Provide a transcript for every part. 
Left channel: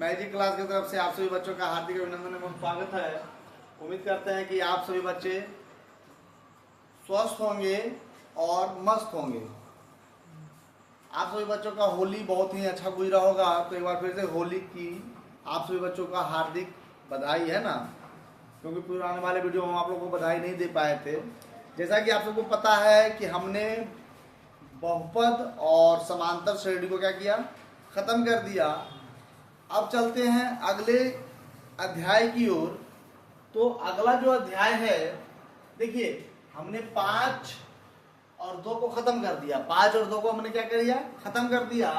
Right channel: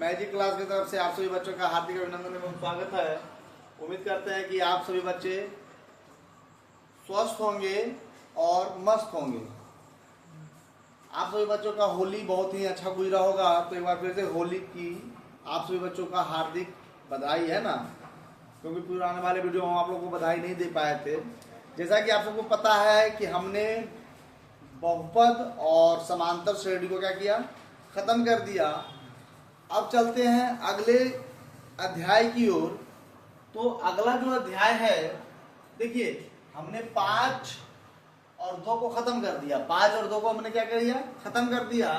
Magic class की तरफ से आप सभी बच्चों का हार्दिक अभिनंदन एवं स्वागत है। उम्मीद करते हैं कि आप सभी बच्चे स्वस्थ होंगे और मस्त होंगे। आप सभी बच्चों का होली बहुत ही अच्छा गुजरा होगा। तो एक बार फिर से होली की आप सभी बच्चों का हार्दिक बधाई है ना, क्योंकि पुराने वाले वीडियो में हम आप लोगों को बधाई नहीं दे पाए थे। जैसा कि आप सबको पता है कि हमने बहुपद और समांतर श्रेणी को क्या किया, खत्म कर दिया। अब चलते हैं अगले अध्याय की ओर। तो अगला जो अध्याय है, देखिए हमने 5 और 2 को खत्म कर दिया। 5 और 2 को हमने क्या कर दिया, खत्म कर दिया।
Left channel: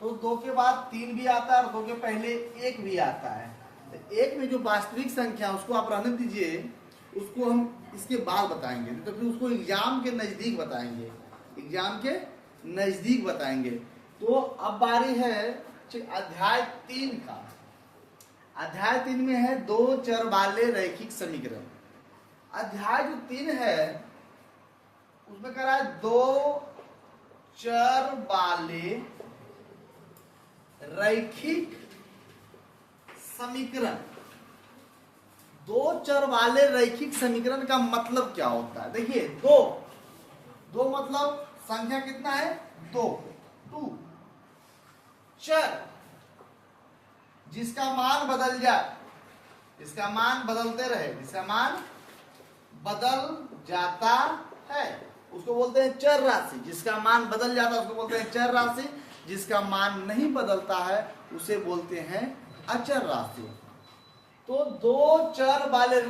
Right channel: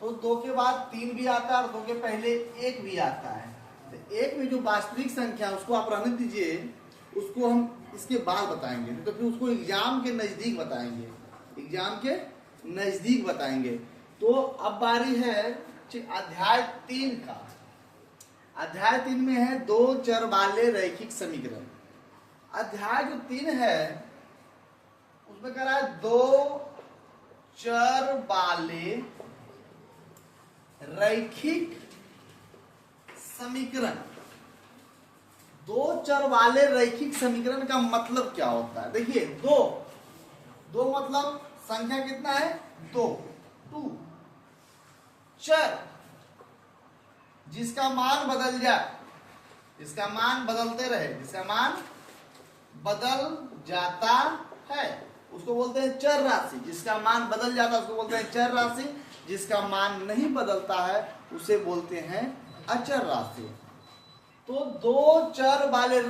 तो 2 के बाद 3 भी आता है और 2 के पहले 1 भी आता है। तो 1 में जो वास्तविक संख्या उसको आप रहने दीजिए, उसको हम इसके बाद बताएंगे। तो फिर उसको एग्जाम के नजदीक बताएंगे, एग्जाम के नजदीक बताएंगे। तो अब बारी है अध्याय 3 का। अध्याय 3 में है 2 चर वाले रैखिक समीकरण। अध्याय जो 3 है उसमें कह रहा है 2 चर वाले रैखिक समीकरण। 2 चर वाले रैखिक समीकरण का मतलब क्या होता है? देखिए, दो मतलब संख्या कितना है, 2 चर जिसका मान बदल जाए, जिसका मान बदलते रहे, जिसका मान बदल जाता है उसको बोलते हैं चर राशि। जिसका मान बदल जाता है उसको बोलते हैं चर राशि। जिसका मान नहीं बदलता है उसे बोलते हैं अचर राशि। तो 2 चर वाले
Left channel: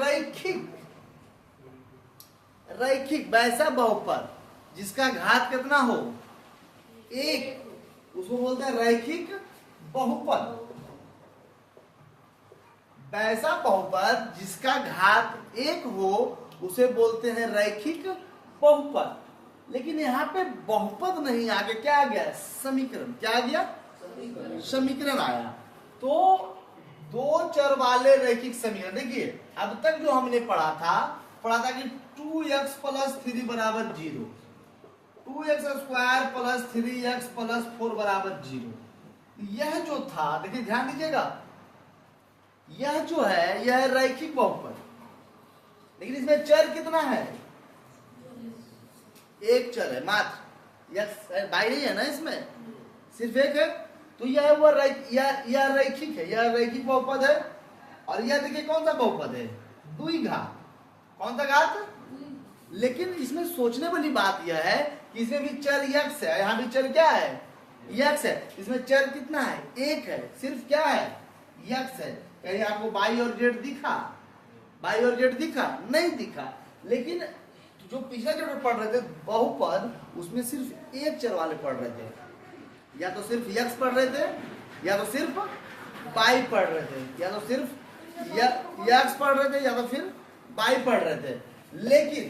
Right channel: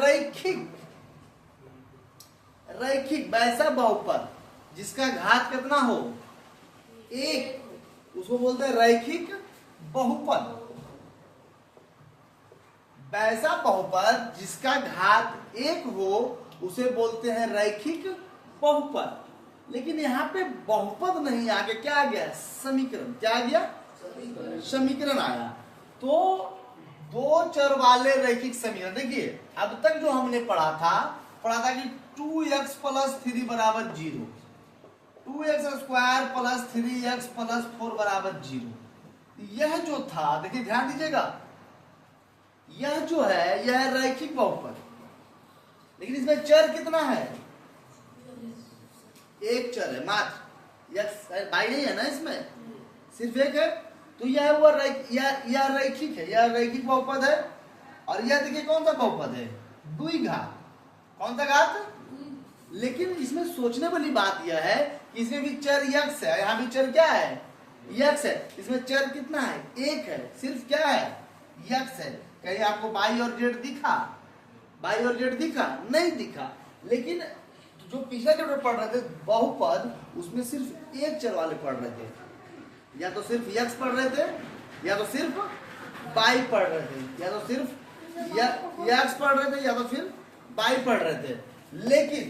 रैखिक वैसा बहुपद जिसका घात कितना हो, 1, उसको बोलते हैं रैखिक बहुपद। वैसा बहुपद जिसका घात 1 हो उसे बोलते हैं रैखिक बहुपद। लेकिन यहाँ पे बहुपद नहीं, आगे क्या आ गया, समीकरण। क्या आ गया, समीकरण आया। तो 2 चर वाले रैखिक समीकरण। देखिए अब तक जो हमने पढ़ा था कि 2x + 3 = 0, 2x² + 3x + 4 = 0। यह जो था, देखिए ध्यान दीजिएगा, यह जो है यह रैखिक बहुपद। लेकिन इसमें चर कितना है, 1 चर है मात्र। यह बाई नहीं है ना, इसमें सिर्फ 1 है। तो यह हुआ यह रैखिक है, यह रैखिक बहुपद है। और यह देखिए कौन सा बहुपद है, द्विघात। कौन सा घात? लेकिन इसमें सोचने वाली बात यह है कि इसमें भी चर यक्स है, यहाँ भी चर क्या है, यक्स है। इसमें चर कितना है, 1 है। सिर्फ क्या है, यक्स है। कहीं आपको बाई और जेड दिखा, बाई और जेड दिखा? नहीं दिखा। लेकिन जो पिछला चैप्टर पढ़ रहे थे बहुपद, उसमें सिर्फ 1 चर वाले पढ़ रहे थे। या तो सिर्फ यक्स पढ़ रहे थे, या तो सिर्फ बाई पढ़ रहे थे, या तो सिर्फ यक्स पढ़ रहे थे, या तो फिर बाई पढ़ रहे थे। लेकिन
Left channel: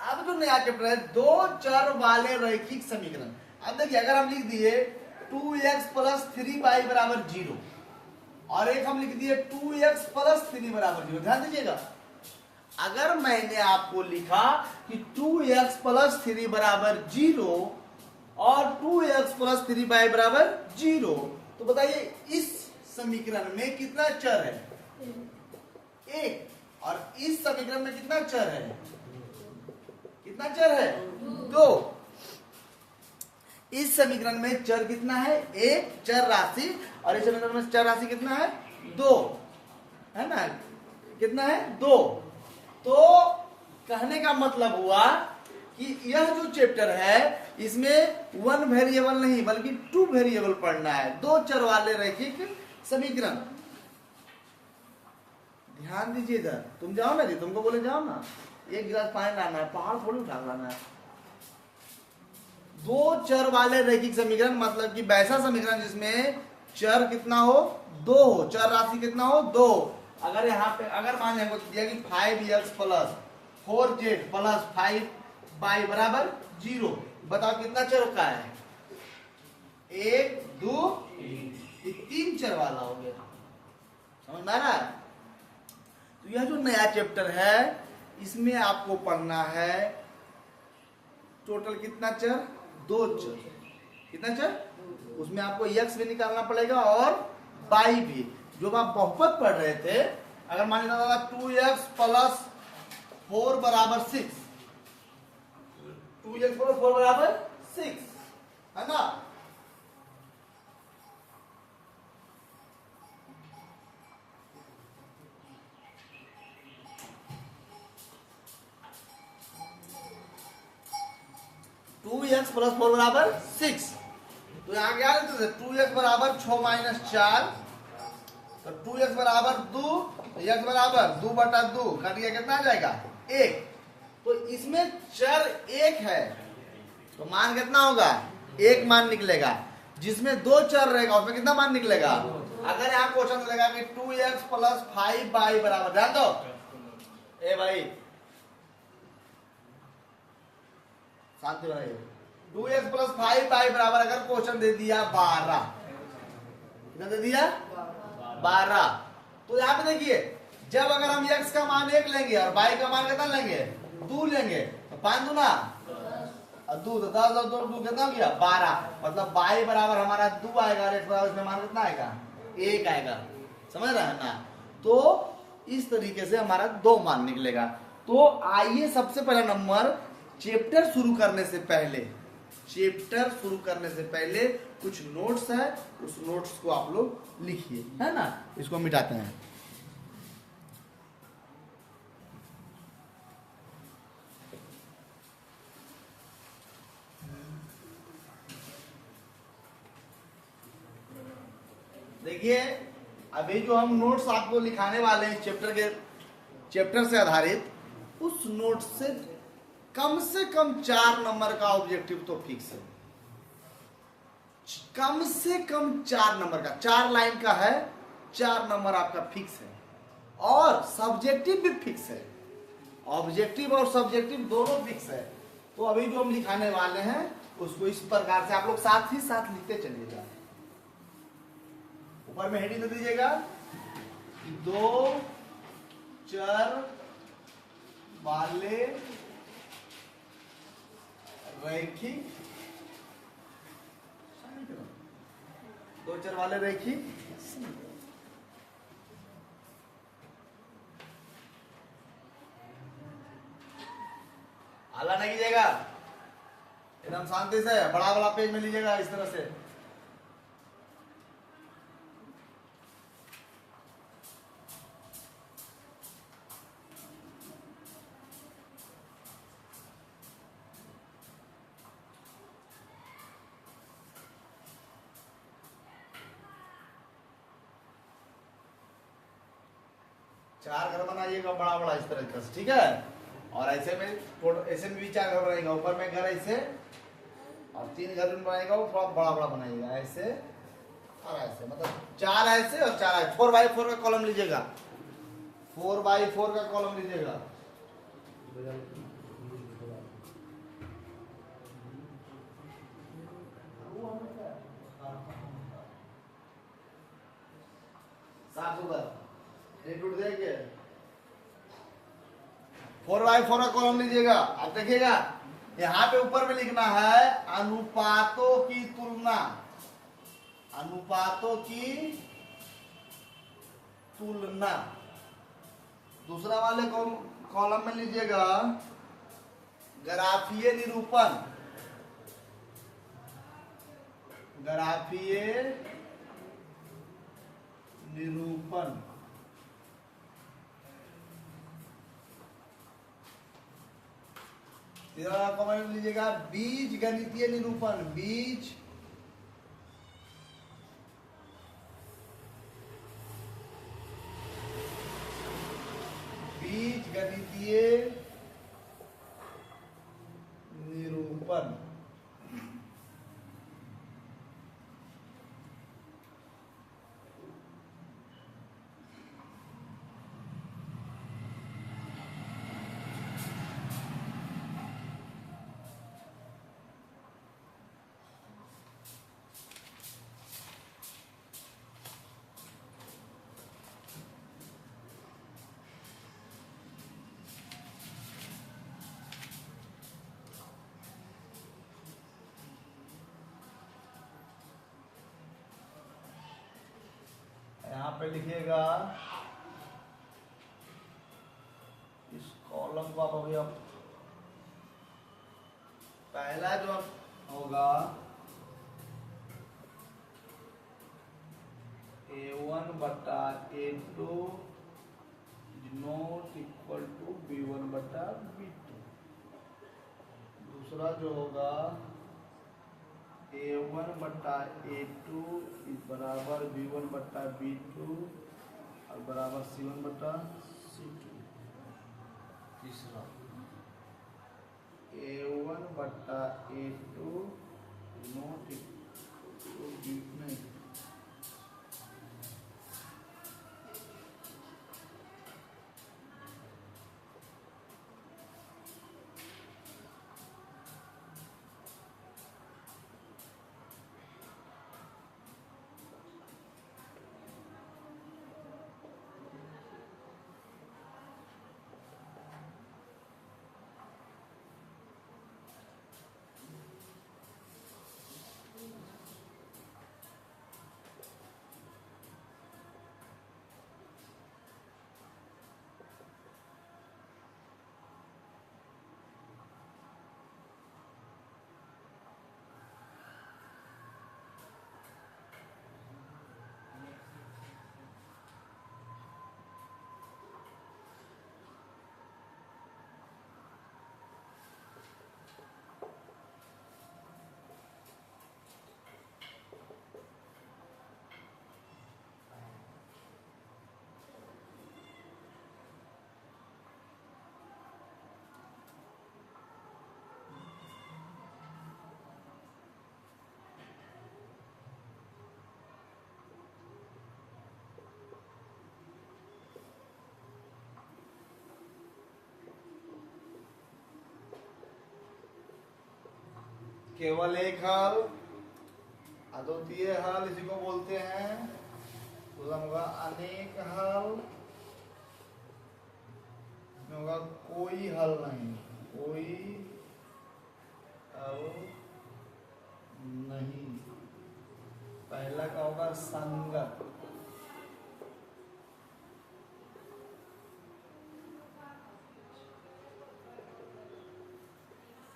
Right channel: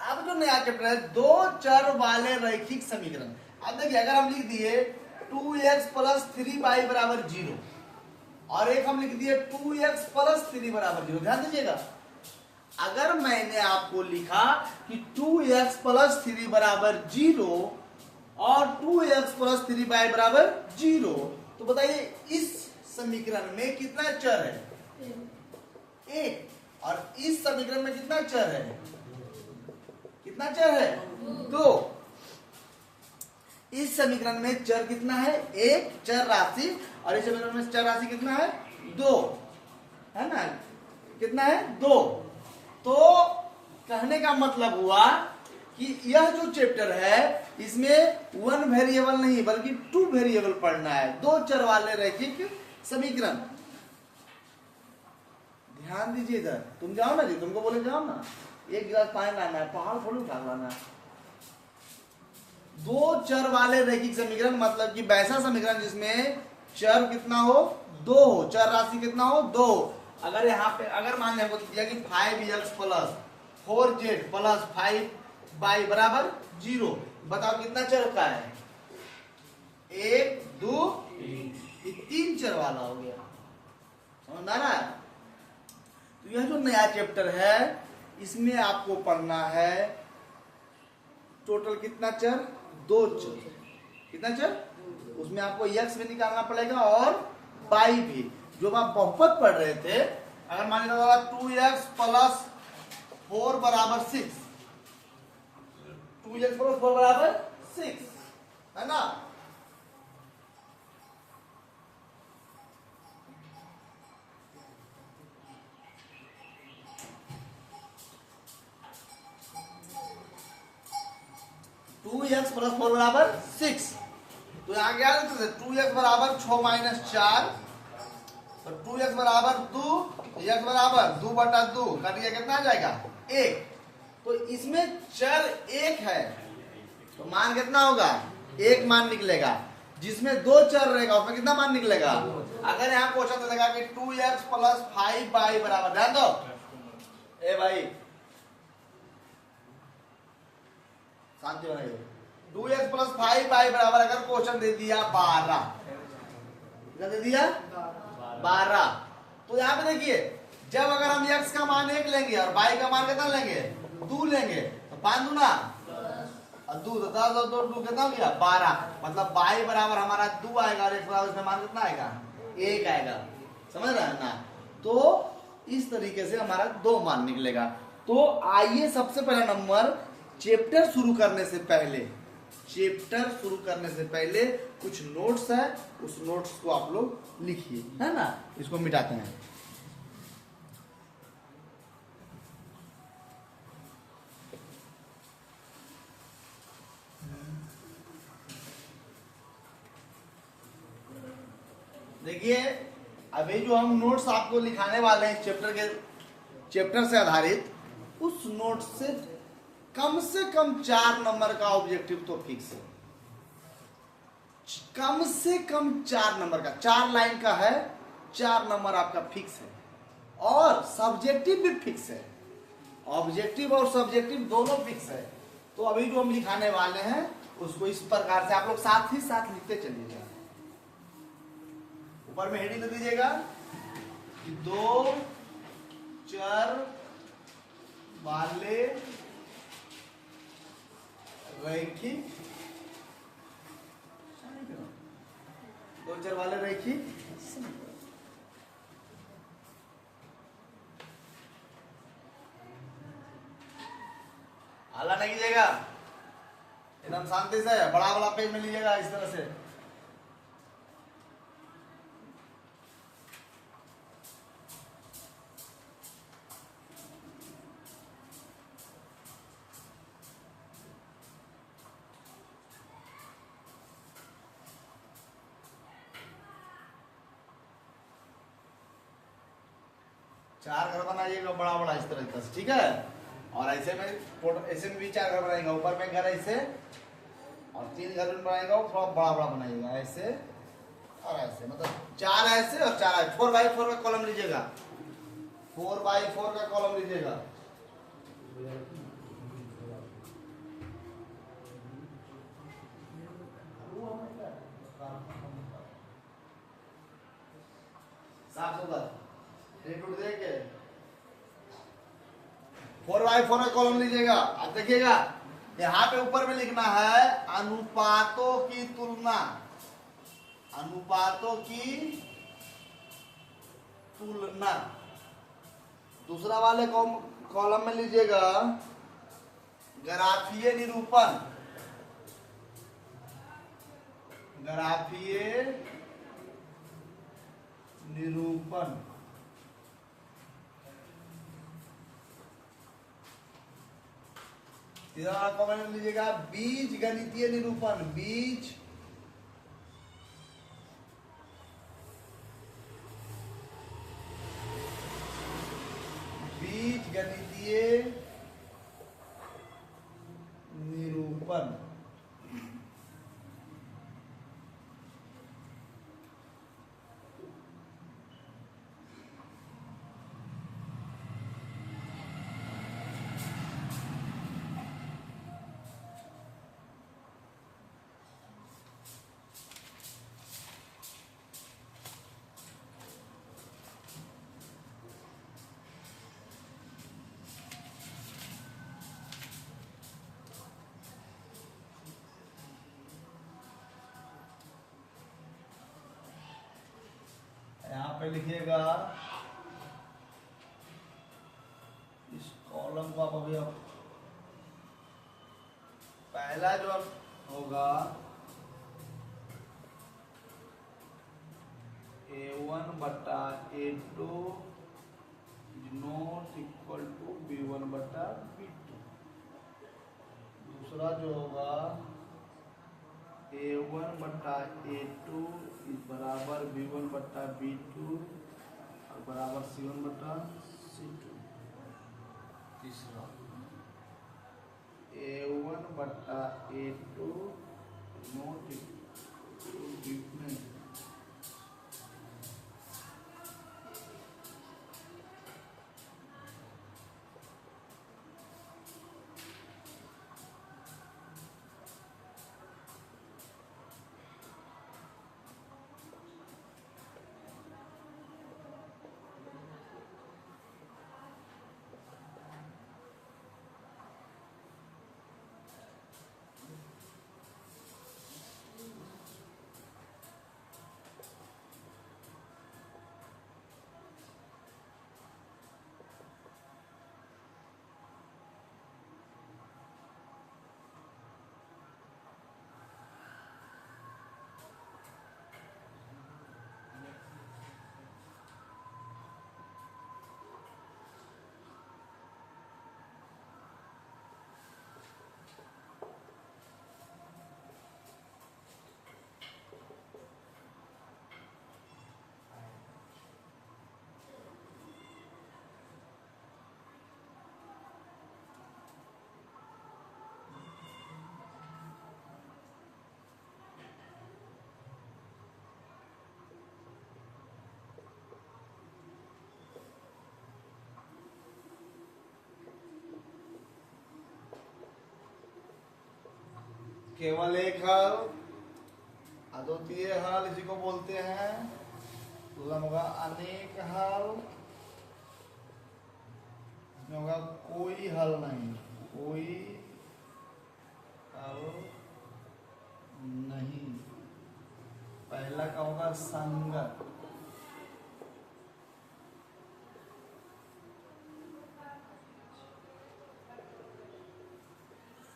अब जो नया चैप्टर है 2 चर वाले रैखिक समीकरण। अब देखिए, अगर हम लिख दिए 2x + 3y = 0 और एक हम लिख दिए 2x + 3 = 0। ध्यान दीजिएगा, अगर मैंने आपको लिखा कि 2x + 3 = 0 और 2x + 3y = 0, तो बताइए इस समीकरण में कितना चर है, 1। और इस समीकरण में कितना चर है, कितना चर है, 2। इस समीकरण में चर कितना है, 1 चर राशि। और इस समीकरण में चर राशि कितना है, 2 है ना, कितना है, 2। तो कहने का मतलब हुआ कि यह जो चैप्टर है इसमें 1 वेरिएबल नहीं बल्कि 2 वेरिएबल पढ़ना है। 2 चर वाले रैखिक समीकरण। ध्यान दीजिए इधर, तुम जाओ ना जी, तुमको बोले जाओ ना, 1 गिलास पानी लाना है, पहाड़ थोड़ी उठा लाना है। 2 चर वाले रैखिक समीकरण मतलब कि वैसा समीकरण जिसमें चर कितना हो, 2 हो, चर राशि कितना हो, 2। अगर यहाँ पे अगर मान हमको दिया कि 5x + 4z + 5y = 0, बताओ कितना चर का है, 1 2 3 चर वाला हो गया। समझ में आ रहा है? तो यह जो नया चैप्टर है इसमें आपको पढ़ना है टोटल कितना चर, 2 चर। कितना चर, उसमें आपको यक्स भी निकालना पड़ेगा और बाई भी। जो आप बहुपद पढ़ रहे थे, अगर मान लीजिए 2x प्लस 4 बराबर 6, 2x प्लस 4 बराबर 6 है ना। टू एक्स प्लस 4 बराबर 6, तो यहाँ क्या है, 2x बराबर 6 माइनस 4, तो 2x बराबर 2, x बराबर 2 बटा 2 काटिए कितना आ जाएगा 1। तो इसमें चर 1 है, तो मान कितना होगा 1 मान निकलेगा। जिसमें 2 चर रहेगा उसमें कितना मान निकलेगा। अगर यहाँ क्वेश्चन चलेगा कि 2x प्लस 5 बाई बराबर, ध्यान दो ए भाई शांति बनाइए, 2x प्लस 5 बाई बराबर अगर क्वेश्चन दे दिया 12, कितना दे दिया 12, तो यहाँ पे देखिए जब अगर हम x का मान 1 लेंगे और y का मान कितना लेंगे 2 लेंगे, तो 5 दूना 2, तो 10 और 2 कितना हो गया 12, मतलब y बराबर हमारा 2 आएगा और x बराबर इसमें मान कितना आएगा 1 आएगा, समझ रहे हैं ना। तो इस तरीके से हमारा 2 मान निकलेगा। तो आइए सबसे पहला नंबर, चैप्टर शुरू करने से पहले कुछ नोट्स है, उस नोट्स को आप लोग लिखिए, है ना। इसको मिटाते हैं। देखिए अभी जो हम नोट्स आपको लिखाने वाले हैं चैप्टर से आधारित, उस नोट से कम 4 नंबर का ऑब्जेक्टिव तो फिक्स है, कम से कम 4 नंबर का, 4 लाइन का है, 4 नंबर आपका फिक्स है, और सब्जेक्टिव भी फिक्स है, ऑब्जेक्टिव और सब्जेक्टिव दोनों फिक्स है। तो अभी जो हम लिखाने वाले हैं उसको इस प्रकार से आप लोग साथ ही साथ लिखते चलिएगा। ऊपर में हेडिंग दे दीजिएगा 2 चर वाले रैखिक, 2 चर वाले रैखिक हल्ला नहीं कीजिएगा, एकदम शांति से बड़ा बड़ा पेज में लीजिएगा इस तरह से। चार घर बनाइएगा बड़ा बड़ा इस तरह से, ठीक है। और ऐसे में भी 4 घर बनाएगा, ऊपर में घर ऐसे, और 3 घर बनाएगा वो थोड़ा बड़ा बड़ा बनाइएगा, ऐसे और ऐसे, मतलब 4 ऐसे और 4 ऐसे। 4x4 का कॉलम लीजिएगा, 4x4 का कॉलम लीजिएगा। टूट देंगे 4x4 का कॉलम लीजिएगा। आप देखिएगा यहाँ पे ऊपर में लिखना है अनुपातों की तुलना, अनुपातों की तुलना। दूसरा वाले कॉलम में लीजिएगा ग्राफीय निरूपण, ग्राफीय निरूपण। तीसरा कॉमेंट लीजिएगा बीज गणितीय निरूपण, बीज गणितीय निरूपण। पे लिखिएगा, इस कॉलम को आप अभी अब पहला जो होगा A1 बटा A2 is not equal to B1 बटा B2। दूसरा जो होगा A1 बटा A2 इज बराबर B1 बटा B2 और बराबर C1 बटा C2। तीसरा A1 बटा A2 not equal to B2। केवल एक हल, अद्वितीय हल इसी को बोलते हैं। होगा अनेक हल, होगा कोई हल नहीं, कोई हल नहीं। पहला का होगा संगत,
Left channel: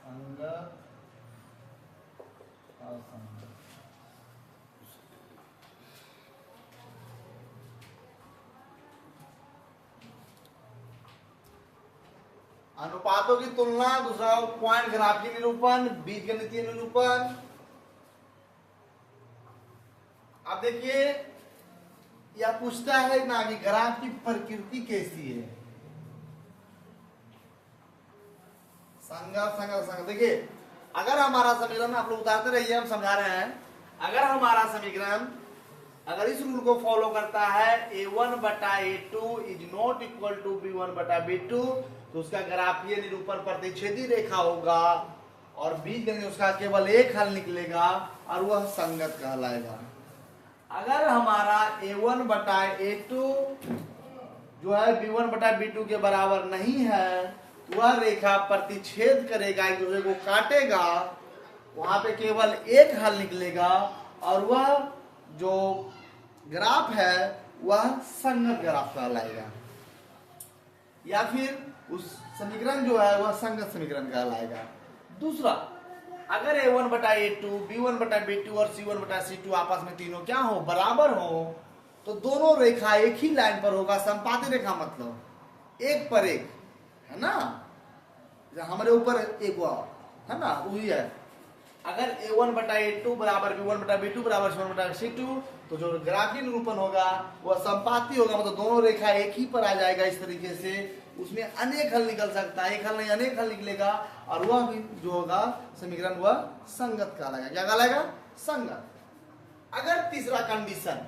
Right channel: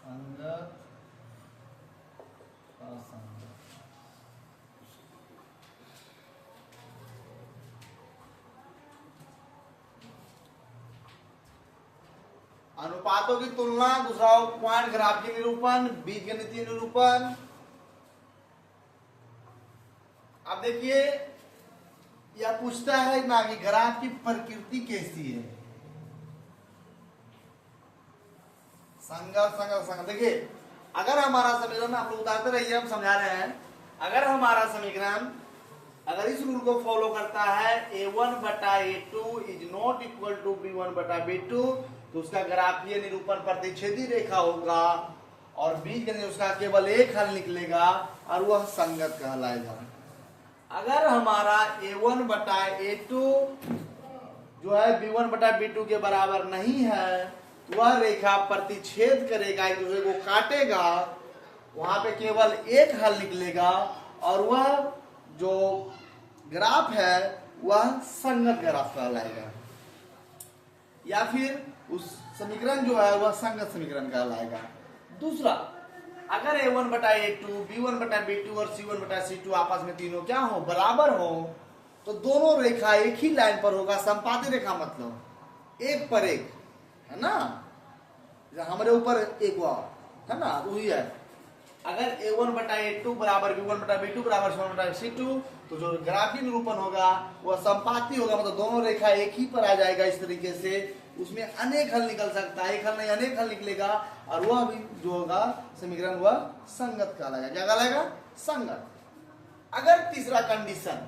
संगत अनुपातों की तुलना, दूसरा पॉइंट ग्राफ की निरूपण, बीजगणितीय निरूपण। अब देखिए यह पूछता है ना कि ग्राफ की प्रकृति कैसी है। संगत संगत संगत। देखिए अगर हमारा समीकरण, आप लोग उतारते रहिए, हम समझा रहे हैं। अगर हमारा समीकरण अगर इस रूल को फॉलो करता है A1 बटा A2 is not equal to B1 बटा B2, तो उसका ग्राफीय निरूपण प्रतिच्छेदी रेखा होगा और बीजगणित उसका केवल एक हल निकलेगा और वह संगत कहलाएगा। अगर हमारा A1 बटा A2 जो है B1 बटा B2 के बराबर नहीं है, तो वह रेखा प्रतिच्छेद करेगा, एक दूसरे को काटेगा, वहां पे केवल एक हल निकलेगा और वह जो ग्राफ है वह संगत ग्राफ कहलाएगा, या फिर उस समीकरण जो है वह संगत समीकरण कहलाएगा। दूसरा, अगर A1 बटा A2, B1 बटा B2 और C1 बटा C2 आपस में तीनों क्या हो, बराबर हो, तो दोनों रेखा एक ही लाइन पर होगा। संपाती रेखा मतलब एक पर एक, है ना, हमारे ऊपर एक हुआ है ना, वही है। अगर A1 बटा A2 बराबर B1 बटा B2 बराबर C1 बटा C2, तो जो ग्राफीय निरूपण होगा वह संपाती होगा, मतलब दोनों रेखा एक ही पर आ जाएगा। इस तरीके से उसमें अनेक हल निकल सकता है, एक हल नहीं अनेक हल निकलेगा, और वह भी जो होगा समीकरण वह संगत कहलाएगा। क्या कहलाएगा? संगत। अगर तीसरा कंडीशन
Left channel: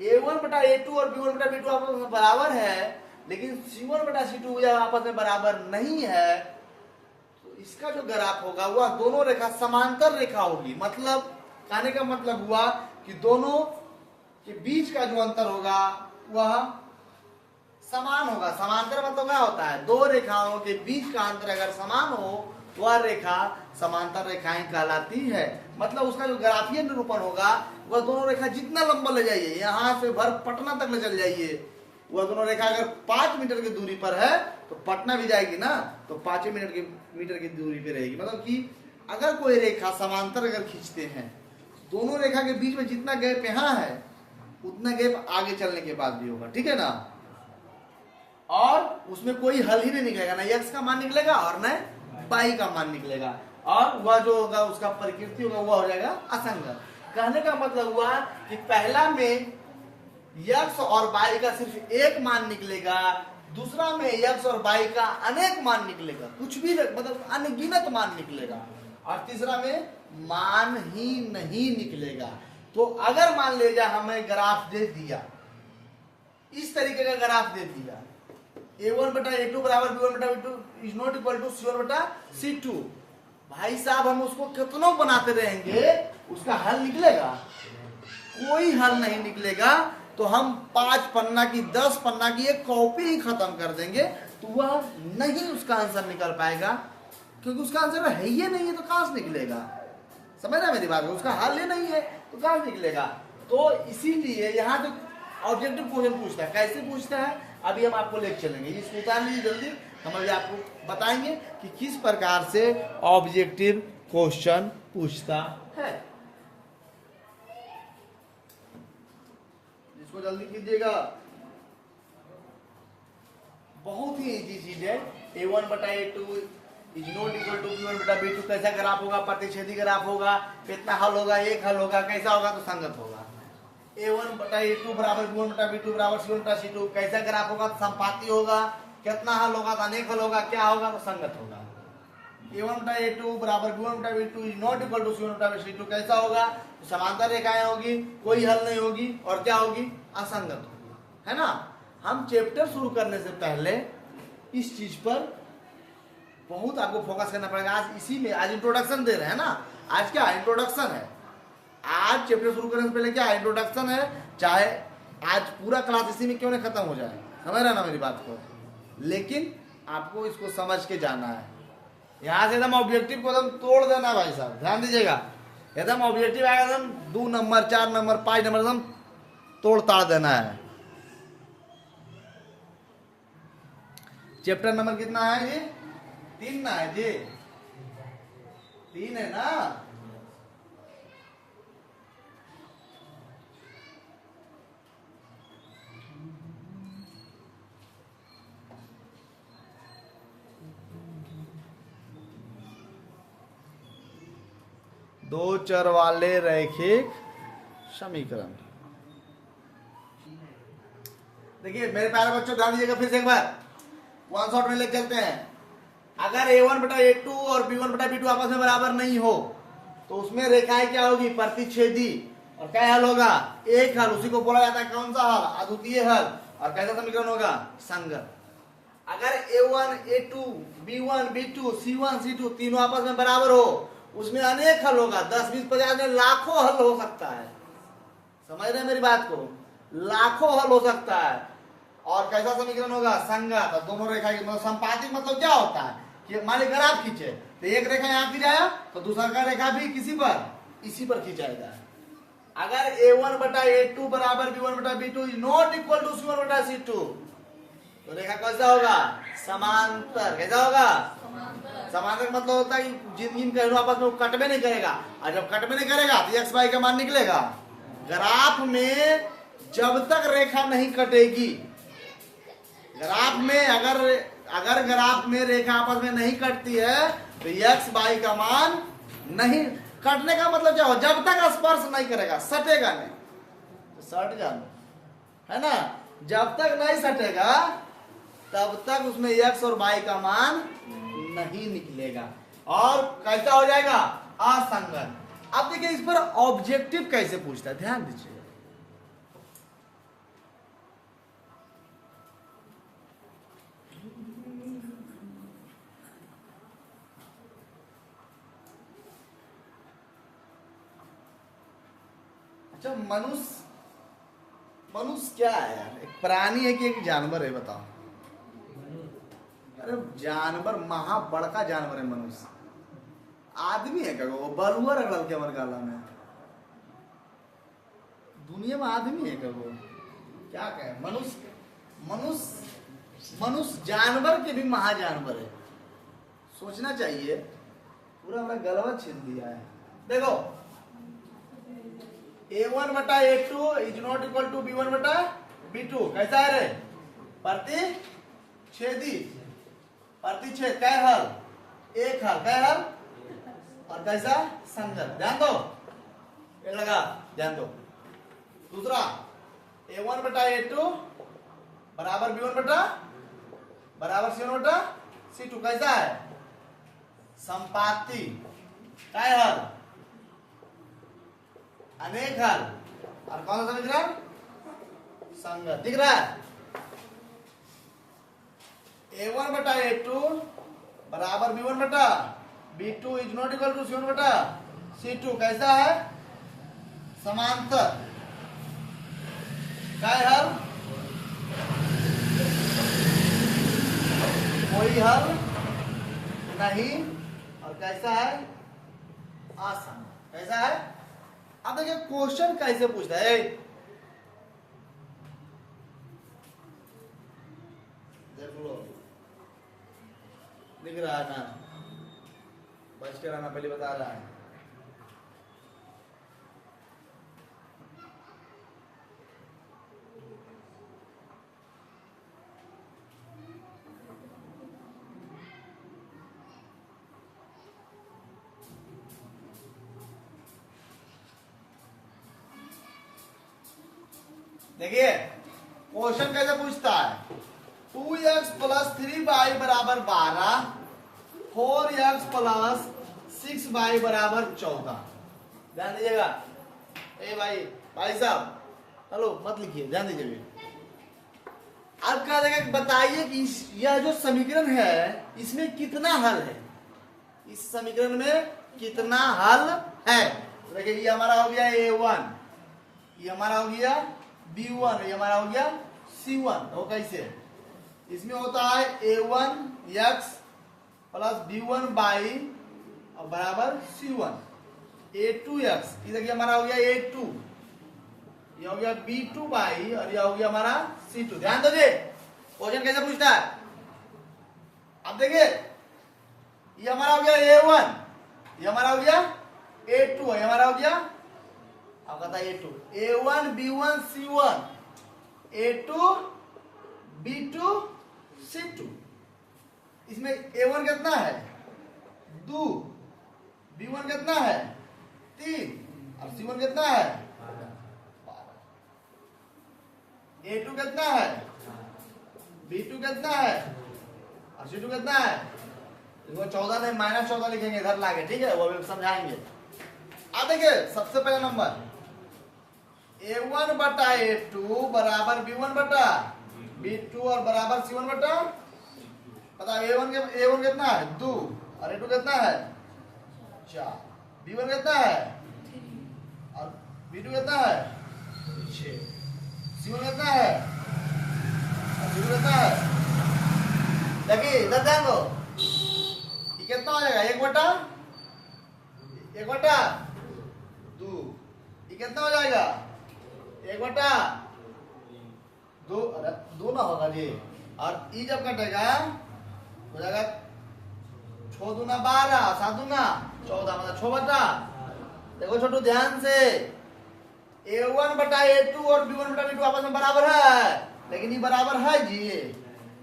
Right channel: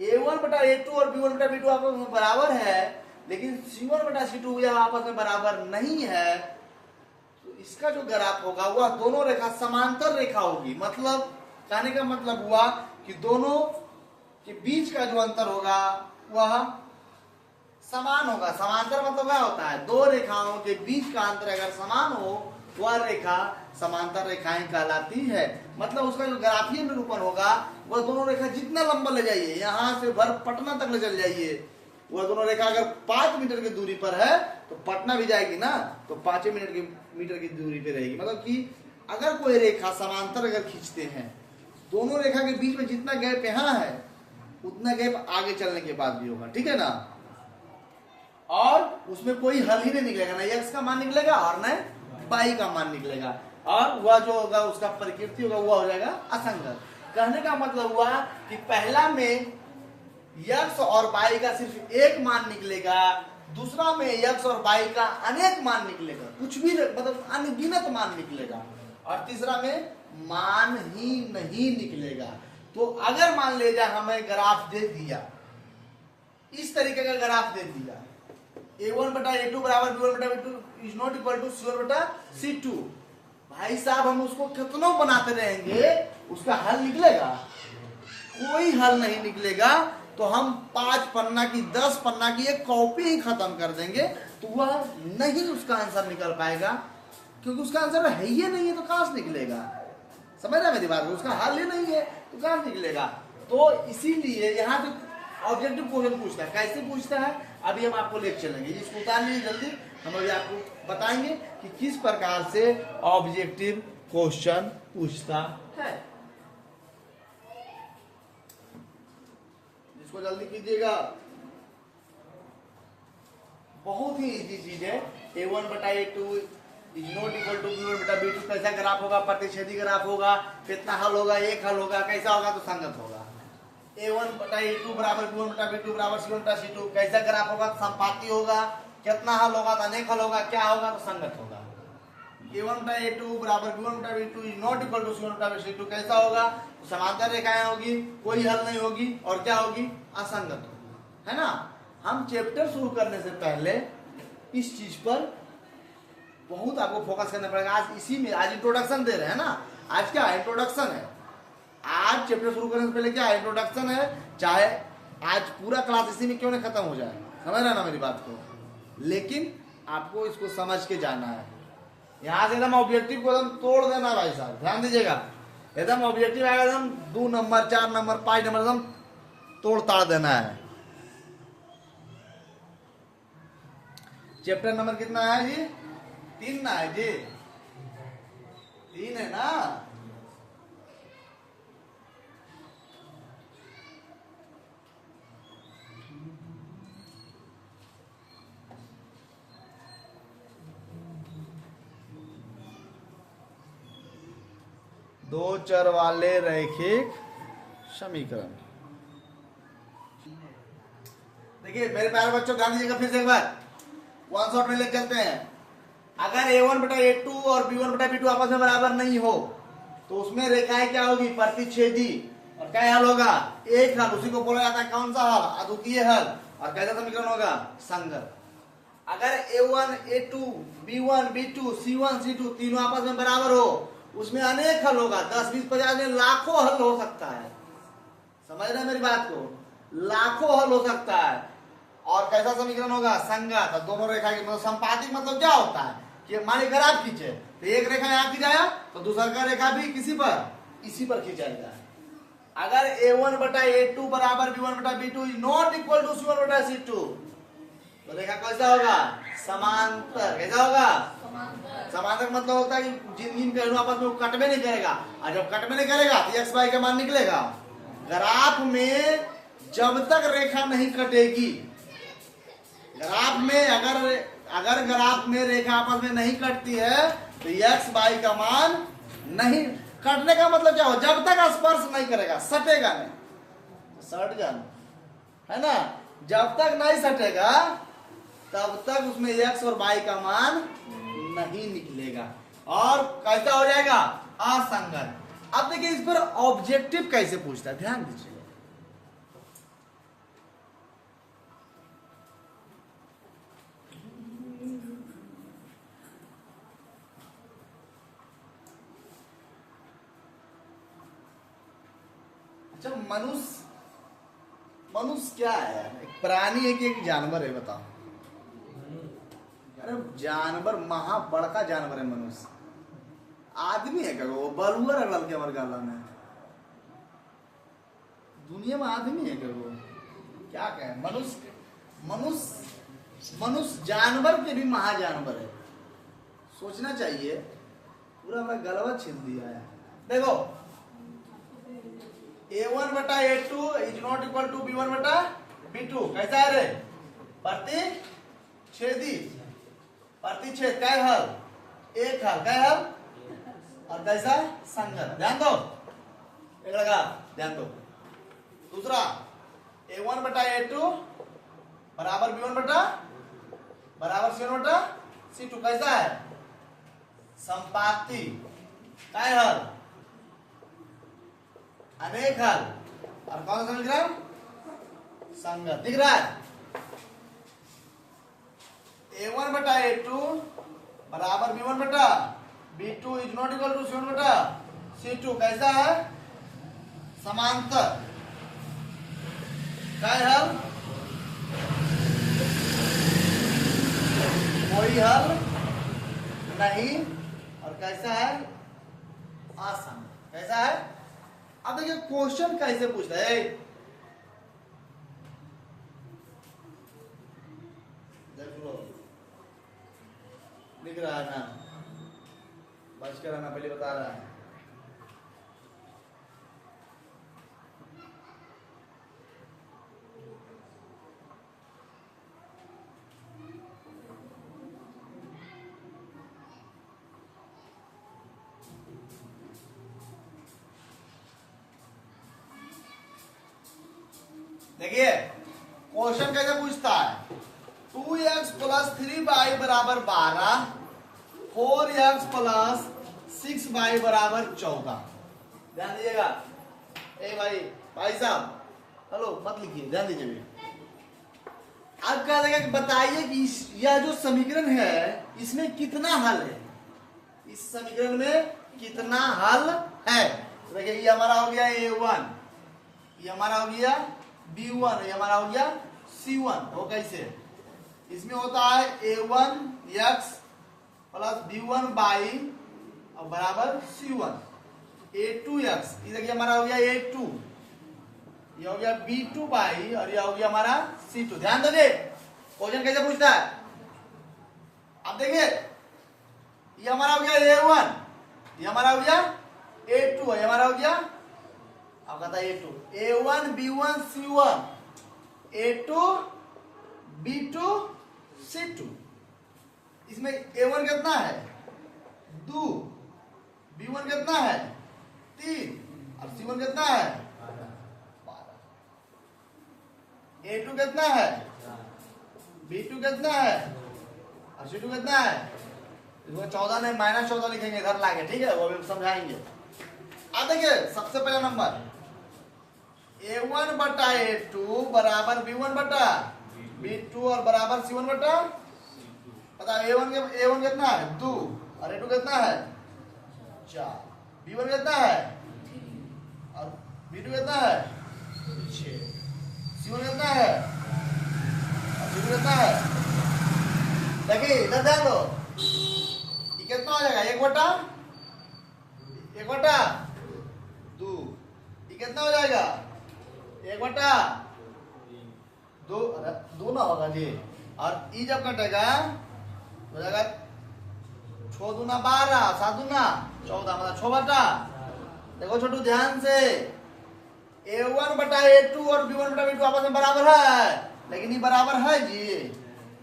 A1 बटा A2 और B1 बटा B2 आपस में बराबर है, लेकिन C1 बटा C2 यह आपस में बराबर नहीं है, तो इसका जो ग्राफ होगा वह दोनों रेखा समांतर रेखा होगी। मतलब कहने का मतलब हुआ कि दोनों के बीच का जो अंतर होगा वह समान होगा। समांतर मतलब क्या होता है? दो रेखाओं के बीच का अंतर अगर समान हो वह रेखा समांतर रेखाएं कहलाती है। मतलब उसका जो ग्राफीय निरूपण होगा वह दोनों रेखा जितना लंबा ले जाइए, यहाँ से भर पटना तक ले चल जाइए, वह दोनों रेखा अगर 5 मीटर की दूरी पर है तो पटना भी जाएगी ना, तो 5 मीटर की दूरी पे रहेगी। मतलब कि अगर कोई रेखा समांतर अगर खींचते हैं, दोनों रेखा के बीच में जितना गैप यहाँ है उतना गैप आगे चलने के बाद भी होगा, ठीक है ना। और उसमें कोई हल ही नहीं निकलेगा, ना x का मान निकलेगा और न y का मान निकलेगा, और वह जो होगा उसका प्रकृति होगा वह हो जाएगा असंगत। कहने का मतलब हुआ कि पहला में x और y का सिर्फ एक मान निकलेगा, दूसरा में x और y का अनेक मान निकलेगा, कुछ भी मतलब अनगिनत मान निकलेगा, और तीसरा में मान ही नहीं निकलेगा। तो अगर मान ले जा हमें ग्राफ दे दिया, इस तरीके का ग्राफ दे दिया, a1 बटा a2 बराबर b1 बटा b2 is not equal to c1 बटा c2, भाई साहब हम उसको कितना बनाते रहेंगे उसका हल निकलेगा? कोई हल नहीं निकलेगा। तो हम 5 पन्ना की 10 पन्ना की एक कॉपी ही खत्म कर देंगे, तो वह नहीं उसका आंसर निकल पाएगा, क्योंकि उसका आंसर है ही नहीं है, तो कहां से निकलेगा? समझ रहे मेरी बात? उसका हल ही नहीं है तो कहां से निकलेगा? तो इसीलिए यहाँ पे ऑब्जेक्टिव क्वेश्चन पूछता है। कैसे पूछता है अभी हम आपको लेकर चलेंगे, इसको उतार लीजिए जल्दी, हम अभी आपको बताएंगे कि किस प्रकार से ऑब्जेक्टिव क्वेश्चन पूछता है। इसको जल्दी कीजिएगा, बहुत ही इजी चीज है। a1 बटा a2 is not equal to b1 बटा b2 कैसा ग्राफ होगा? प्रतिच्छेदी ग्राफ होगा। कितना हल होगा? एक हल होगा। कैसा होगा? तो संगत होगा। a1 बटा a2 बराबर b1 बटा b2 बराबर c1 बटा c2 कैसा ग्राफ होगा? तो संपाती होगा। कितना हल होगा? तो अनेक हल होगा। क्या होगा? तो संगत होगा। a1 बटा a2 बराबर b1 बटा b2 is not equal to c1 बटा c2 कैसा होगा? तो समांतर रेखाएं होगी, कोई हल नहीं होगी, और क्या होगी? असंगत होगी, है ना। हम चैप्टर शुरू करने से पहले इस चीज पर बहुत आपको फोकस करना पड़ेगा। आज इसी में आज इंट्रोडक्शन दे रहे हैं ना, आज क्या इंट्रोडक्शन है। आज चैप्टर शुरू करने से पहले क्या इंट्रोडक्शन है, चाहे आज पूरा क्लास इसी में क्यों नहीं खत्म हो जाए, समझ रहे ना मेरी बात को, लेकिन आपको इसको समझ के जाना है। यहाँ से एकदम ऑब्जेक्टिव को एकदम तोड़ देना है भाई साहब, ध्यान दीजिएगा। एकदम ऑब्जेक्टिव आएगा एकदम 2 नंबर 4 नंबर 5 नंबर एकदम तोड़ ताड़ देना है। चैप्टर नंबर कितना है जी? 3 ना है जी? 3 है ना। दो चर वाले रैखिक समीकरण। देखिए मेरे प्यारे बच्चों, ध्यान दीजिएगा फिर से एक बार, वन शॉट में लेके चलते हैं। अगर a1 बटा a2 और b1 बटा b2 आपस में बराबर नहीं हो तो उसमें रेखाएं क्या होगी? प्रतिच्छेदी। और क्या हल होगा? एक हल, उसी को बोला जाता है कौन सा हल? अद्वितीय हल। और कैसा समीकरण होगा? संगत। अगर a1 a2 b1 b2 c1 c2 तीनों आपस में बराबर हो, उसमें अनेक हल होगा, 10 20 50 में लाखों हल हो सकता है। समझ रहे मेरी बात को? लाखों हल हो सकता है। और कैसा समीकरण होगा? संगत। दोनों रेखा की मतलब संपातिक मतलब क्या होता है कि मान ग्राफ खींचे तो एक रेखा यहाँ खींचाया तो दूसरा का रेखा भी किसी पर इसी पर खींचाएगा। अगर a1 बटा a2 बराबर b1 बटा b2 is not equal to c1 बटा c2 तो रेखा कैसा होगा? समांतर। कैसा होगा? समांतर मतलब होता है कि जिन जिन कहीं आपस में कटबे नहीं करेगा, और जब कटबे नहीं करेगा तो x y का मान निकलेगा। ग्राफ में जब तक रेखा नहीं कटेगी, ग्राफ में अगर ग्राफ में रेखा आपस में नहीं कटती है तो x y का मान नहीं कटने का मतलब क्या हो? जब तक स्पर्श नहीं करेगा, सटेगा नहीं तो सट जाना, है ना। जब तक नहीं सटेगा तब तक उसमें x और y का मान नहीं निकलेगा, और कैसा हो जाएगा? असंगत। अब देखिए इस पर ऑब्जेक्टिव कैसे पूछता है, ध्यान दीजिए। अच्छा, मनुष्य क्या है यार? एक प्राणी है कि एक जानवर है? बताओ। अरे जानवर, महा बड़का जानवर है मनुष्य। आदमी है क्या वो बलुआ रगड़ल के हमारे गाला में? दुनिया में आदमी है क्या वो? क्या कहे, मनुष्य मनुष्य मनुष्य जानवर के भी महाजानवर है। सोचना चाहिए। पूरा हमारा गलवा छीन दिया है। देखो A1 बटा A2 is not equal to B1 बटा B2। कैसा है रे? प्रतिच्छेदी, प्रतिच्छेद कै हल? एक हल, कै हल? और कैसा? संगत। ध्यान दो, एक लगा ध्यान दो। दूसरा A1 बटा A2 बराबर B1 बटा बराबर C1 बटा C2। कैसा है? संपाती, कै हल? अनेक हल। और कौन सा समीकरण? संगत। दिख रहा है? A1 बटा A2 बराबर B1 बटा B2 is not equal to C1 बटा C2। कैसा है? समांतर, कै हल? कोई हल नहीं। और कैसा है? आसान। कैसा है? अब देखिए क्वेश्चन कैसे पूछता है। देखो दिख रहा है ना? बच के रहना, पहले बता रहा है। देखिए क्वेश्चन कैसे पूछता है। 2x प्लस 3y बराबर 12, 4x प्लस 6y बराबर 14। ध्यान दीजिएगा। ए भाई साहब, हेलो मत लिखिए, ध्यान दीजिए। अब क्या देगा, बताइए कि यह जो समीकरण है इसमें कितना हल है? इस समीकरण में कितना हल है? देखिए ये हमारा हो गया A1, ये हमारा हो गया B1, ये हमारा हो गया C1। वो कैसे? इसमें होता है A1x प्लस B1 बाई और बराबर C1। A2x, ये देखिए हमारा हो गया A2, ये हो गया B2 बाई और ये हो गया हमारा C2। ध्यान दोगे क्वेश्चन कैसे पूछता है। अब देखिए ये हमारा हो गया A1, ये हमारा हो गया A2, ये हमारा हो गया, अब बताइए A2, A1 B1 C1, A2 B2 C2। इसमें A1 कितना है? 2, B1 कितना है? 3 और C1 कितना है? 12। A2 कितना है? B2 कितना है? और C2 कितना है? इसमें 14 नहीं, -14 लिखेंगे इधर लाके, ठीक है? वो भी समझाएंगे। अब देखिए सबसे पहला नंबर A1 बटा A2 बराबर B1 बटा B2 और बराबर C1 बटा, पता A1 कितना है? 2 और A2 कितना है? 4। B1 कितना है? और B2 कितना है? 6। C1 कितना है? और C2 कितना है? देखिए इधर ध्यान दो, ये कितना हो जाएगा? 1 बटा 2। ये कितना हो जाएगा? 1 बटा 2, 2 ना होगा जी। और ई जब कटेगा हो जाएगा 6 दूना 12, 7 दूना 14, मतलब 6 बटा। देखो छोटू ध्यान से, A1 बटा A2 और B1 बटा B2 आपस में बराबर है, लेकिन ये बराबर है जी।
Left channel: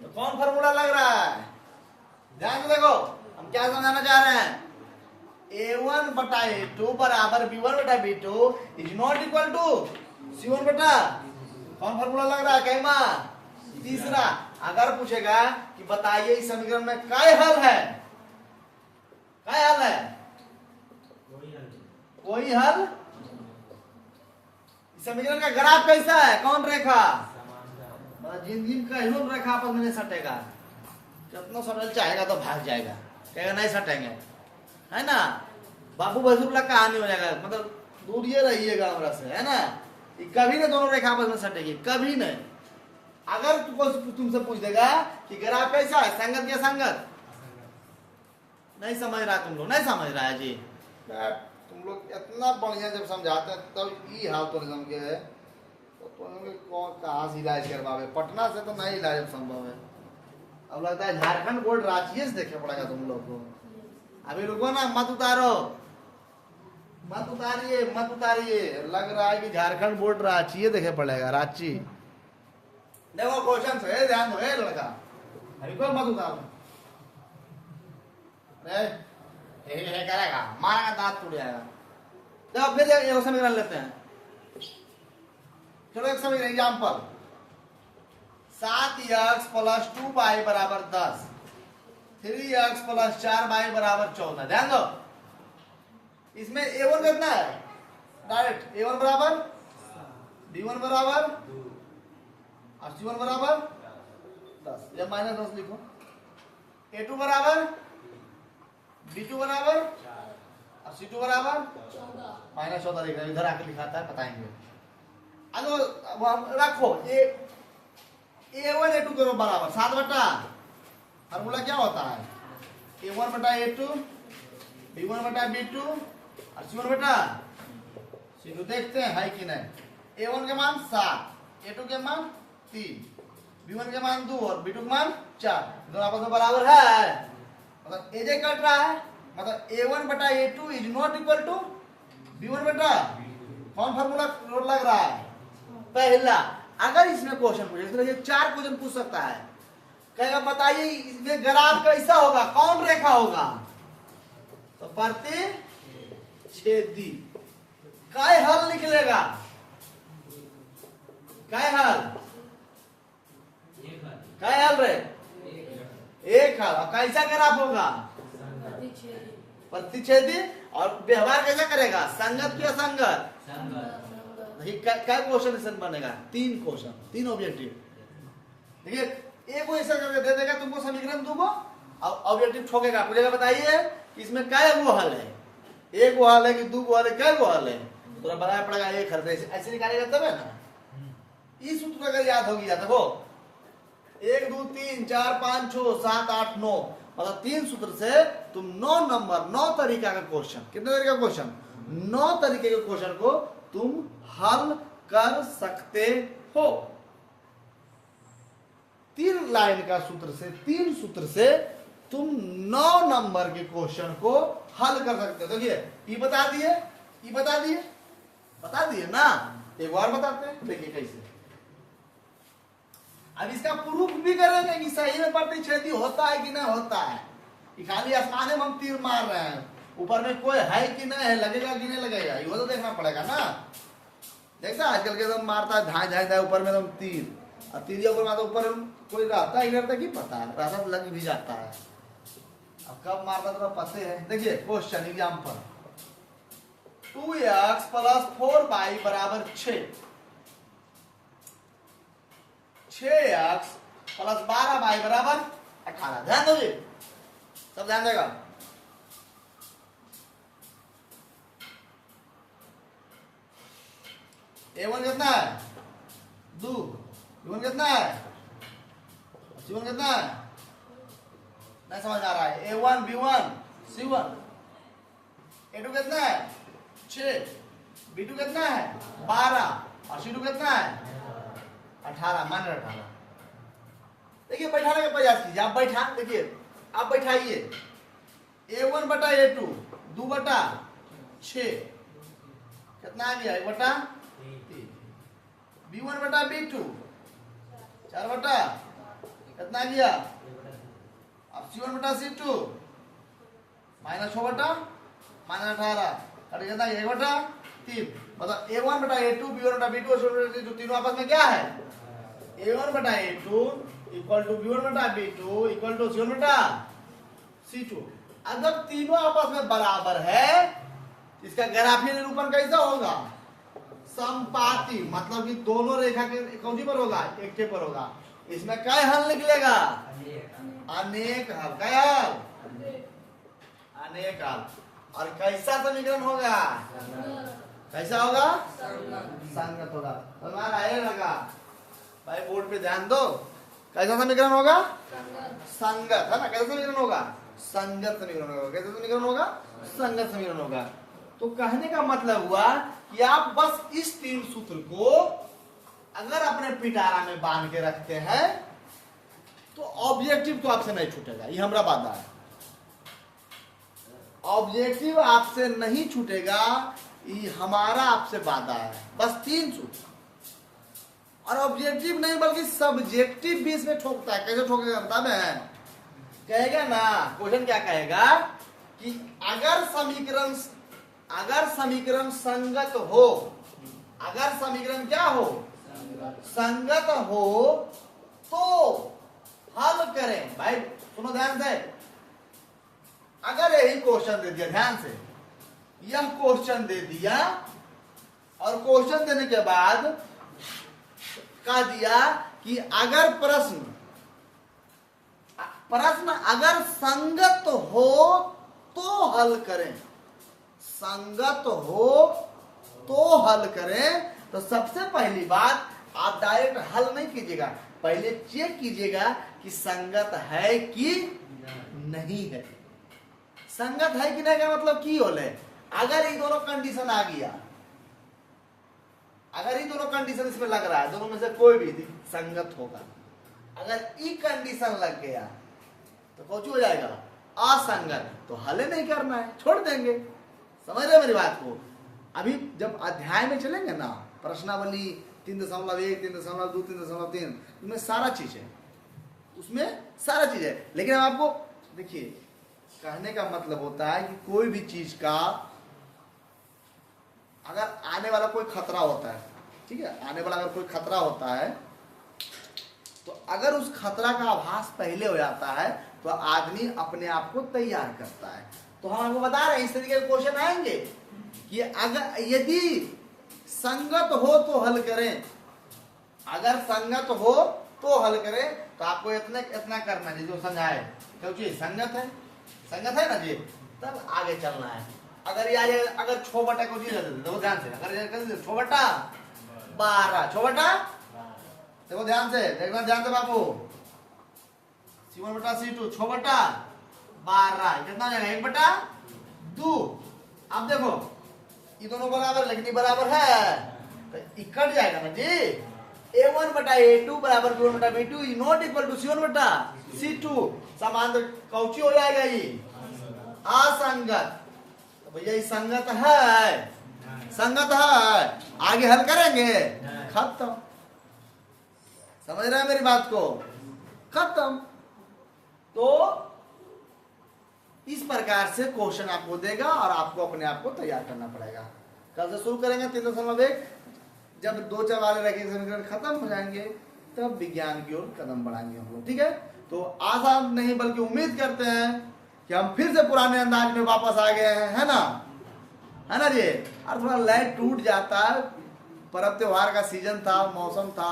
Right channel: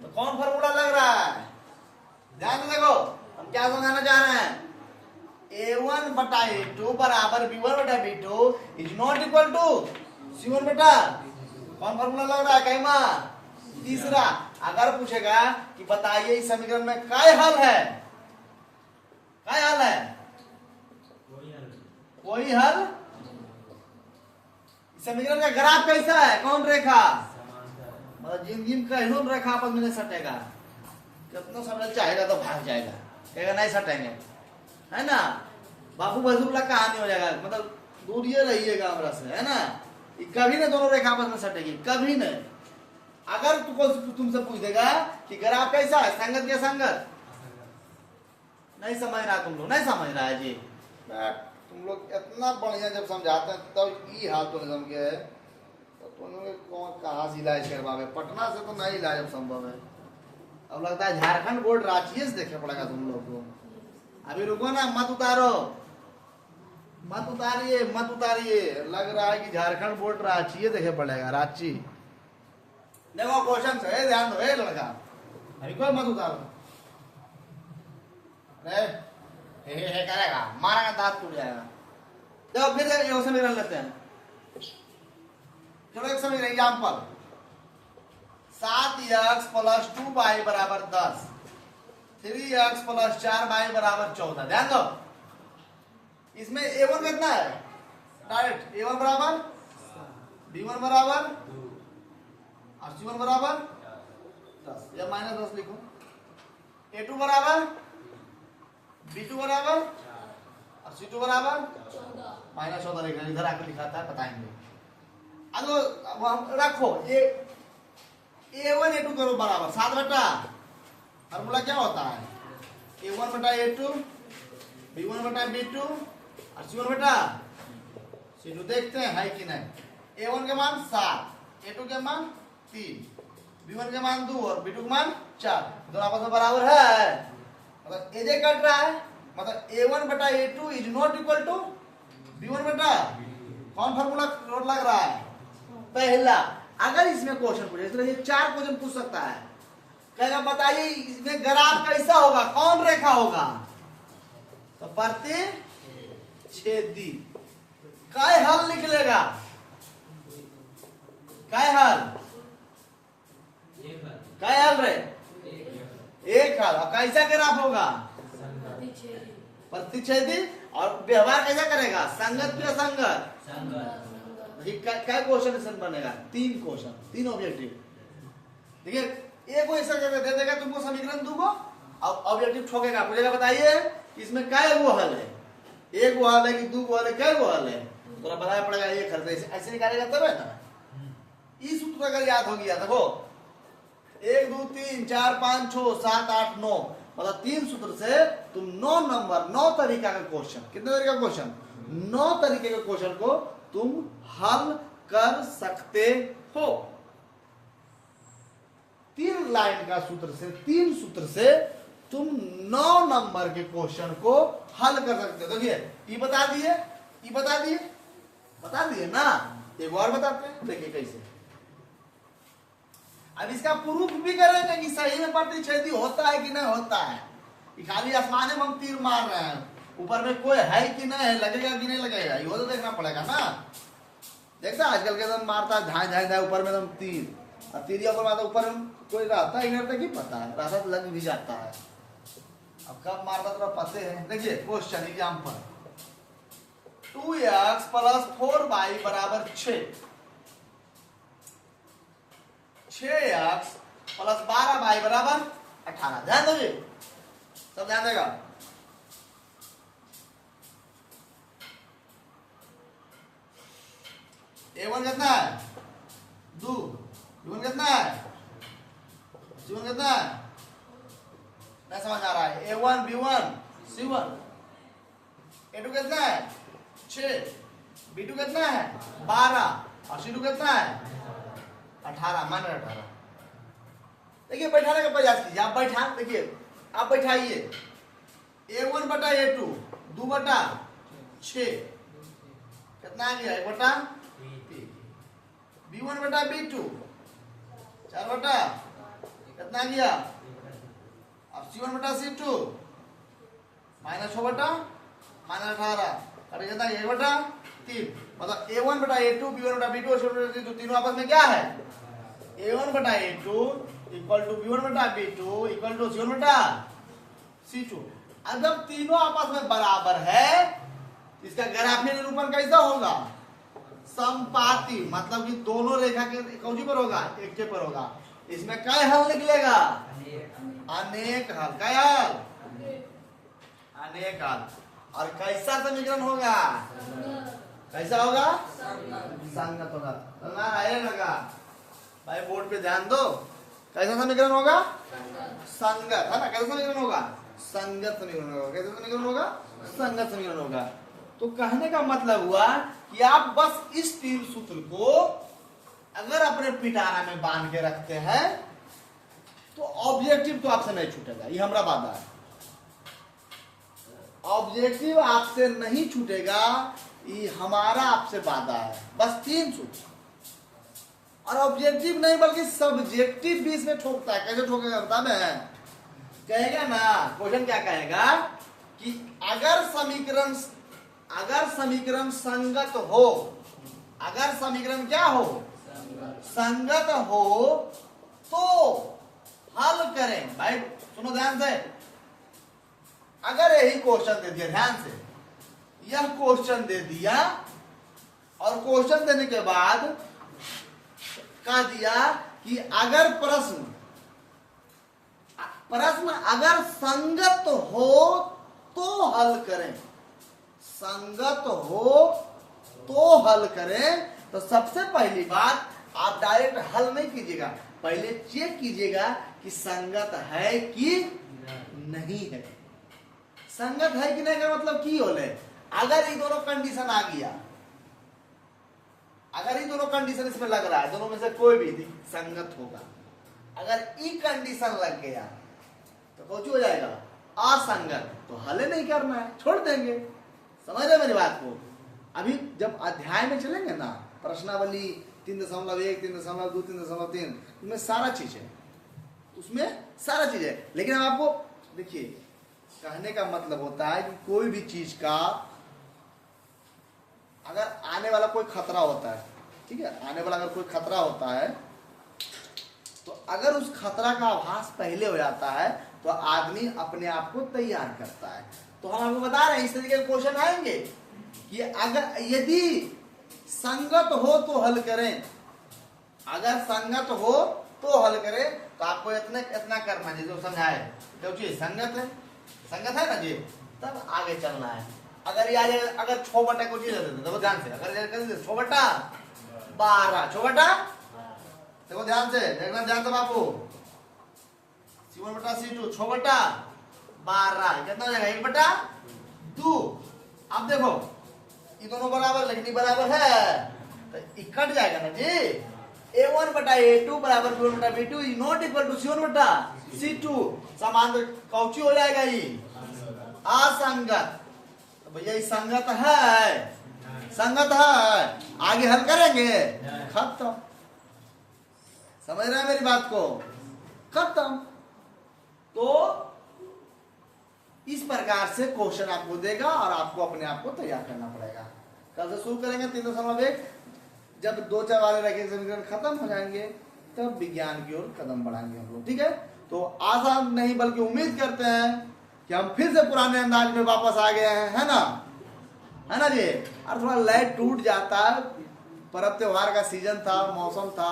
तो कौन फॉर्मूला लग रहा है? ध्यान से देखो, हम क्या समझाना चाह रहे हैं। A1 बटा A2 बराबर B1 बटा B2 is not equal to C1 बटा, कौन फॉर्मूला लग रहा है? कैमा? तीसरा। अगर पूछेगा कि बताइए इस समीकरण में काय हल है? काय हल है? कोई हल। इस समीकरण का ग्राफ कैसा है? कौन रेखा? मतलब जिन का ह्यून रेखा आपस में नहीं सटेगा। जितना समय चाहेगा तो भाग जाएगा, कहेगा नहीं सटेंगे, है ना? बाबू बजूला कहानी हो जाएगा, मतलब दूर ये रहिएगा हमरा से, है ना? कभी नहीं दोनों रेखा आपस में सटेगी, कभी नहीं। अगर तुमसे पूछ देगा कि ग्राफ कैसा है, संगत या संगत, नहीं समझ रहा तुम लोग, नहीं समझ रहा है जी। तुम लोग इतना बढ़िया जब समझाते हैं तब ये हाथ तो नहीं समझ गए तो तुम लोग कौन कहाँ से इलाज करवावे, पटना से तो नहीं इलाज संभव है। अब लगता है झारखंड बोर्ड रांची से देखना पड़ेगा तुम लोग को। अभी रुको ना, मत उतारो, मत उतारिए, मत उतारिए। लग रहा है कि झारखंड बोर्ड रांची देखे पड़ेगा, रांची। देखो क्वेश्चन से ध्यान दो लड़का, अभी कोई मत उतारो। हे करेगा, मारेगा दांत टूट जाएगा। देखो फिर एक समीकरण लेते हैं, चलो एक समीकरण एग्जाम्पल। 7x प्लस 2y बराबर 10, 3x प्लस 4y बराबर 14। ध्यान दो, इसमें a1 कितना है, डायरेक्ट a1 बराबर, b1 बराबर और c1 बराबर 10 या माइनस 10 लिखो। a2 बराबर, b2 बराबर और c2 बराबर माइनस 14 लिखना, इधर आके लिखा था, बताएंगे। अब हम रखो a1 a2 दोनों बराबर 7 बटा, और बोला क्या होता है a1 बटा a2, b1 बटा b2 और c1 बटा c2। देखते हैं है कि नहीं। a1 के मान 7, a2 के मान 3, b1 के मान 2 और b2 के मान 4, दोनों आपस में बराबर है। मतलब एजे कट रहा है, मतलब a1 बटा a2 is not equal to b1 बटा, कौन फार्मूला लग रहा है पहला। अगर इसमें क्वेश्चन पूछे, इसमें 4 क्वेश्चन पूछ सकता है, कहेगा बताइए इसमें ग्राफ कैसा होगा, कौन रेखा होगा, तो प्रतिच्छेदी। काय हल लिख लेगा, काय हल, काय हल रे, एक हल। कैसा ग्राफ होगा, प्रतिच्छेदी। और व्यवहार कैसा करेगा, संगत या संगत, क्या क्वेश्चन इसमें बनेगा, 3 क्वेश्चन, 3 ऑब्जेक्टिव। देखिए एक क्वेश्चन करके दे देगा तुमको समीकरण दूंगा, और ऑब्जेक्टिव ठोकेगा, पूछेगा बताइए इसमें क्या वो हल है, एक वो हल है कि 2 हल है, क्या वो हल है, तो बताना पड़ेगा एक हल। ऐसे निकालेगा तब है ना। इस सूत्र अगर याद हो गया देखो 1 2 3 4 5 6 7 8 9, मतलब 3 सूत्र से तुम 9 नंबर 9 तरीका का क्वेश्चन, कितने तरीके का क्वेश्चन, 9 तरीके के क्वेश्चन को तुम हल कर सकते हो। 3 लाइन का सूत्र से, 3 सूत्र से तुम 9 नंबर के क्वेश्चन को हल कर सकते हो। देखिए ये बता दिए, ये बता दिए, बता दिए ना, एक बार बताते हैं, देखिए कैसे। अब इसका प्रूफ भी करेंगे कि सही में प्रतिच्छेदी होता है कि नहीं होता है। खाली आसमान में हम तीर मार रहे हैं, ऊपर में कोई है कि नहीं है, लगेगा कि नहीं लगेगा, ये तो देखना पड़ेगा ना। देखा आजकल के एकदम मारता है, धाए धाए धाए ऊपर में एकदम तीर, और तीरिया पर मारता ऊपर कोई रहता है इधर तक ही पता है, रहता तो लग भी जाता है। अब कब मारता तो पते है। देखिए question example, 2x plus 4y बराबर 6, 6x प्लस 12y बराबर 18। ध्यान दो जी, सब ध्यान देगा। a1 कितना है 2, b1 कितना है, c1 कितना है, नहीं समझ आ रहा है। a1 b1 c1, a2 कितना है 6, b2 कितना है 12 और c2 कितना है 18, मान 18। देखिए बैठाने का प्रयास कीजिए, आप बैठा, देखिए आप बैठाइए a1 बटा a2 2 बटा 6 कितना आ गया 1 बटा 3, b1 बटा b2 4 बटा कितना आ गया, अब c1 बटा c2 माइनस 6 बटा माइनस 18, अरे कितना 1 बटा 3। मतलब a1 बटा a2 b1 बटा b2 और c1 बटा c2 तीनों आपस में क्या है, a1 बटा a2 इक्वल टू b1 बटा b2 इक्वल टू c1 बटा c2। अब जब तीनों आपस में बराबर है, इसका ग्राफीय निरूपण कैसा होगा, समपाती, मतलब कि दोनों रेखा के कौन पर होगा, एक के पर होगा। इसमें क्या हल निकलेगा, अनेक हल, क्या हल, अनेक हल। और कैसा समीकरण होगा, कैसा होगा, संगत होगा। लगा भाई बोर्ड पे ध्यान दो, कैसा समीकरण होगा, संगत है ना, कैसा समीकरण होगा। संगत समीकरण होगा। कैसे समीकरण होगा? संगत समीकरण होगा। तो कहने का मतलब हुआ कि आप बस इस 3 सूत्र को अगर अपने पिटारा में बांध के रखते हैं तो ऑब्जेक्टिव तो आपसे नहीं छूटेगा, ये हमारा वादा है। ऑब्जेक्टिव आपसे नहीं छूटेगा, ये हमारा आपसे वादा है। बस 3 सूत्र, और ऑब्जेक्टिव नहीं बल्कि सब्जेक्टिव भी इसमें ठोकता है। कैसे ठोकेगा बता दें? कहेगा ना, क्वेश्चन क्या कहेगा कि अगर समीकरण संगत हो, अगर समीकरण क्या हो? संगत हो तो हल करें। भाई सुनो ध्यान से, अगर यही क्वेश्चन दे दिया, ध्यान से, यह क्वेश्चन दे दिया और क्वेश्चन देने के बाद कह दिया कि अगर प्रश्न अगर संगत हो तो हल करें, संगत हो तो हल करें, तो सबसे पहली बात आप डायरेक्ट हल नहीं कीजिएगा, पहले चेक कीजिएगा कि संगत है कि नहीं है। संगत है कि नहीं का मतलब की होले, अगर ये दोनों कंडीशन आ गया, अगर ये दोनों कंडीशन इसमें लग रहा है, दोनों में से कोई भी संगत होगा। अगर ई कंडीशन लग गया तो कौन हो जाएगा? असंगत। तो हल नहीं करना है, छोड़ देंगे। समझ रहे मेरी बात को? अभी जब अध्याय में चलेंगे ना, प्रश्नावली 3.1, 3.2, 3.3, उसमें सारा चीज है, उसमें सारा चीज है। लेकिन हम आपको देखिए, कहने का मतलब होता है कि कोई भी चीज का अगर आने वाला कोई खतरा होता है, ठीक है, आने वाला अगर कोई खतरा होता है तो अगर उस खतरा का आभास पहले हो जाता है तो आदमी अपने आप को तैयार करता है। तो हम आपको बता रहे हैं इस तरीके के क्वेश्चन आएंगे कि अगर यदि संगत हो तो हल करें, अगर संगत हो तो हल करें, तो आपको इतना करना है जो समझाए, क्योंकि संगत है ना जी, तब आगे चलना है। अगर यार अगर 6 बटा को चीज देखो ध्यान से, अगर 6 बटा 12, 6 बटा, देखो ध्यान से, देखना ध्यान से बाबू, C1 बटा C2, 6 बटा 12 कितना हो जाएगा? 1 बटा 2। अब देखो ये दोनों बराबर, लेकिन ये बराबर है तो ये कट जाएगा ना जी। A1 बटा A2 बराबर B1 बटा B2 not equal to C1 बटा C2, समान कौची हो जाएगा? ये असंगत। तो भैया ये संगत है, संगत है, आगे हल करेंगे, खत्म। समझ रहे हैं मेरी बात को? खत्म। तो इस प्रकार से क्वेश्चन आपको देगा और आपको अपने आप को तैयार करना पड़ेगा। कल से शुरू करेंगे 3.1, जब 2-4 वाले रैखिक समीकरण खत्म हो जाएंगे तब विज्ञान की ओर कदम बढ़ाएंगे हम लोग, ठीक है? तो आसान नहीं बल्कि उम्मीद करते हैं कि हम फिर से पुराने अंदाज में वापस आ गए हैं, है ना जी? और थोड़ा लाइट टूट जाता है, पर्व त्योहार का सीजन था, मौसम था,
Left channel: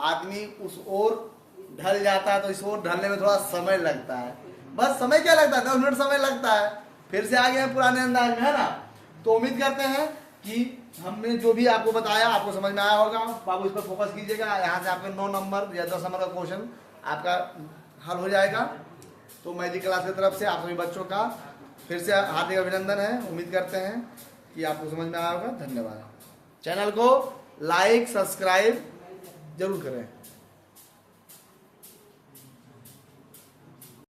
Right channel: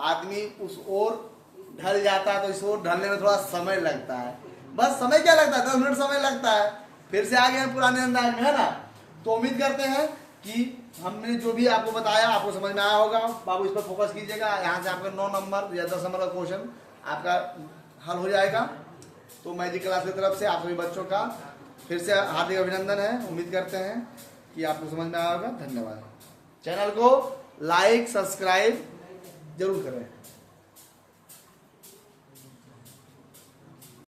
आदमी उस ओर ढल जाता है, तो इस ओर ढलने में थोड़ा समय लगता है। बस समय क्या लगता है? 10 मिनट समय लगता है, फिर से आ गए हैं पुराने अंदाज में, है ना? तो उम्मीद करते हैं कि हमने जो भी आपको बताया आपको समझ में आया होगा। बाबू इस पर फोकस कीजिएगा, यहाँ से आपका 9 नंबर या 10 नंबर का क्वेश्चन आपका हल हो जाएगा। तो मैजिक क्लास की तरफ से आप सभी बच्चों का फिर से हार्दिक अभिनंदन है। उम्मीद करते हैं कि आपको समझ में आया होगा। धन्यवाद। चैनल को लाइक सब्सक्राइब जरूर करें।